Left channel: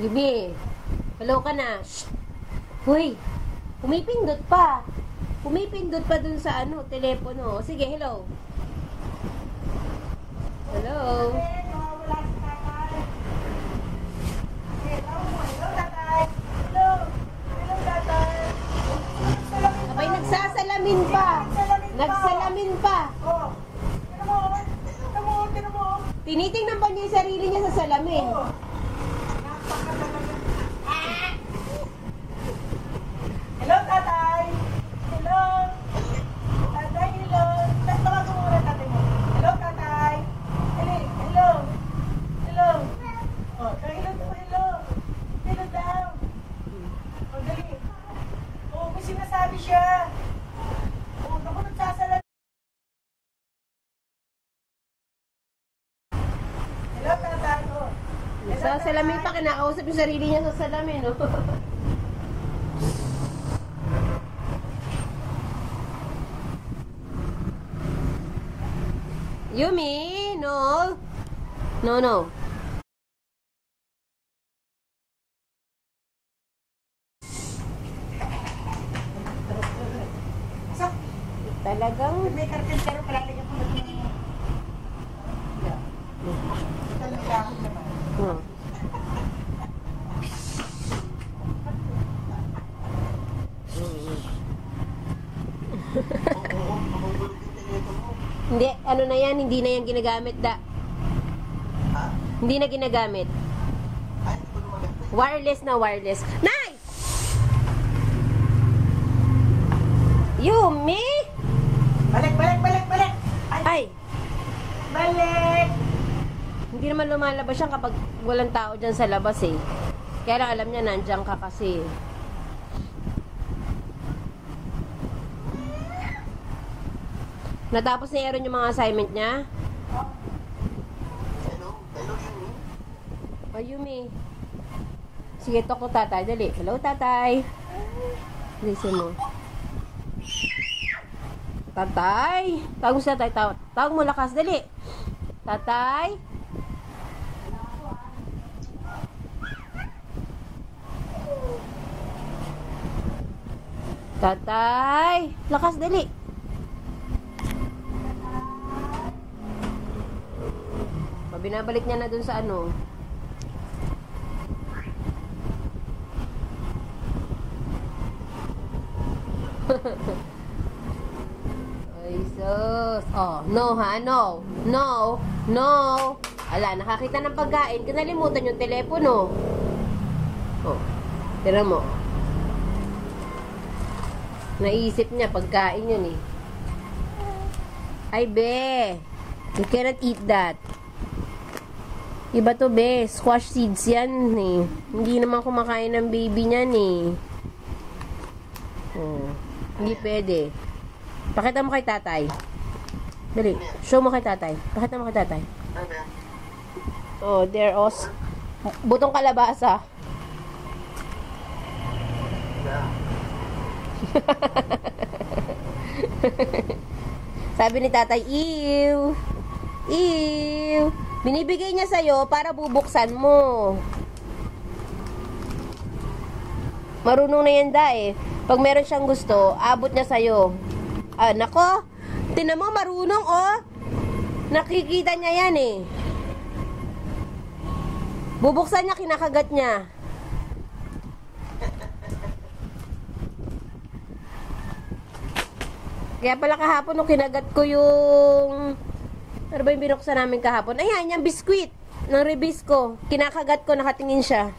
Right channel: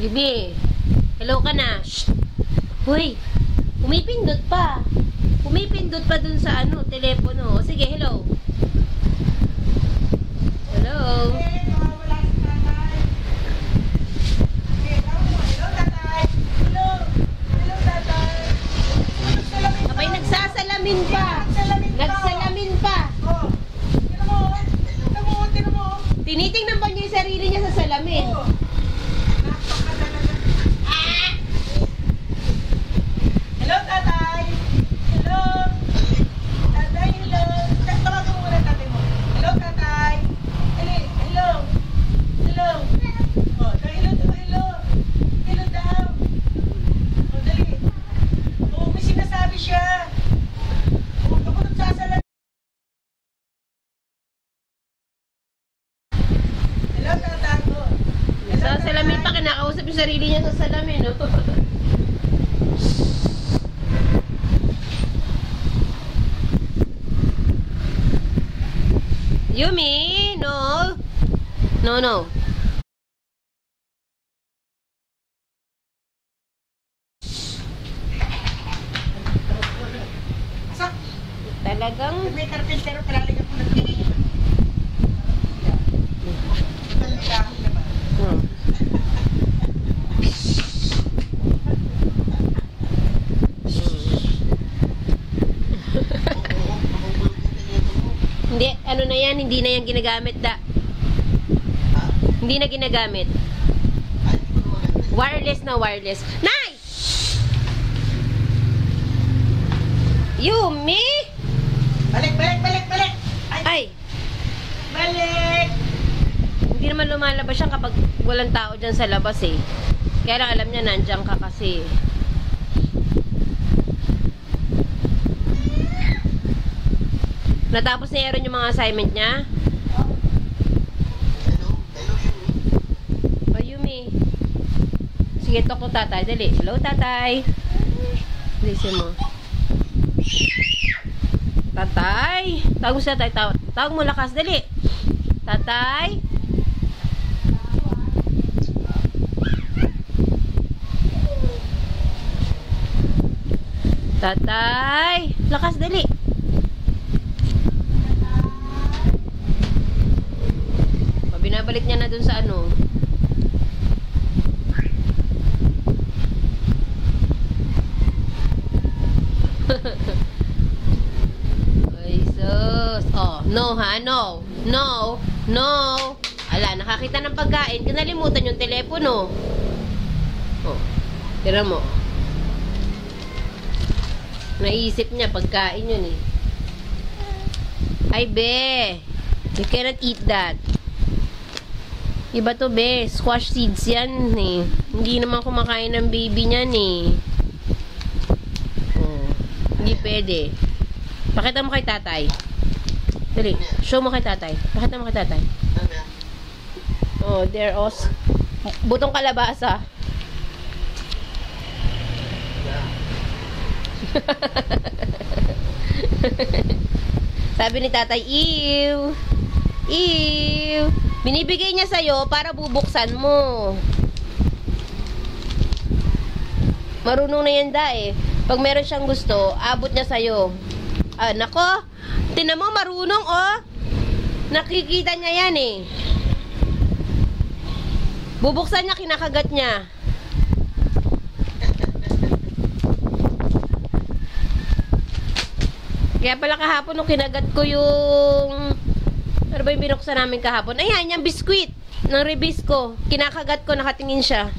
Bibi, hello ka na. Shh. Hoy, pumipindot pa. Pumipindot pa dun sa ano, telepono. Sige, hello. Hello. Abay, nagsasalamin pa. Nagsalamin pa. Tinitingnan ba niya yung sarili niya sa salamin? Hello, tatay! Hello! Tatay, hello! Tawagan mo muna tatay mo. Hello, tatay! Hello! Hello! Oh, hello, hello! Hello daw! Oh, dali! Oh, may sinasabi siya! Oh, ako nagsasalamin. Hello, tatay! Oh. Sa salamin pa, kinakausap yung sarili niya sa salamin, no? Yumi, no. No, no. Talagang May karpintero, kailangan po nagtulong. Talikahan naman. Hindi, ano na yan, hindi na yan ginagamit da. Hindi na ginagamit. Wireless na wireless. Nay! Yumi! Balik, balik, balik, balik! Ay! Balik! Hindi naman lumalabas siya kapag walang tao dyan sa labas eh. Kaya lang alam niya nandiyan ka kasi. Natapos ni Aaron yung mga assignment niya? Oh, Yumi. Sige, talk to tatay. Dali. Hello, tatay. Listen mo. Tatay. Tawag mo sa tatay. Tawag mo lakas. Dali. Tatay. Tatay. Lakas, dali. Binabalik niya na dun sa ano. Ay, sus. Oh, no ha, no. No. No. Ala, nakakita ng pagkain. Kinalimutan yung telepono. Oh, tira mo. Naisip niya, pagkain yun eh. Ay, be. You cannot eat that. Iba to, be. Squash seeds yan, eh. Hindi naman kumakain ng baby niyan, eh. Oh. Hindi pwede. Pakita mo kay tatay. Dali. Show mo kay tatay. Pakita mo kay tatay. Oh, there os. Butong kalabasa. Sabi ni tatay, ew. Ew. Binibigay niya sa'yo para bubuksan mo. Marunong na yan da eh. Pag meron siyang gusto, abot niya sa'yo. Ah, nako. Tinan mo, marunong oh. Nakikita niya yan eh. Bubuksan niya, kinakagat niya. Kaya pala kahapon nung kinagat ko yung... Ano ba yung binuksan namin kahapon? Ayan, yung biskwit ng Rebisco. Kinakagat ko, nakatingin siya.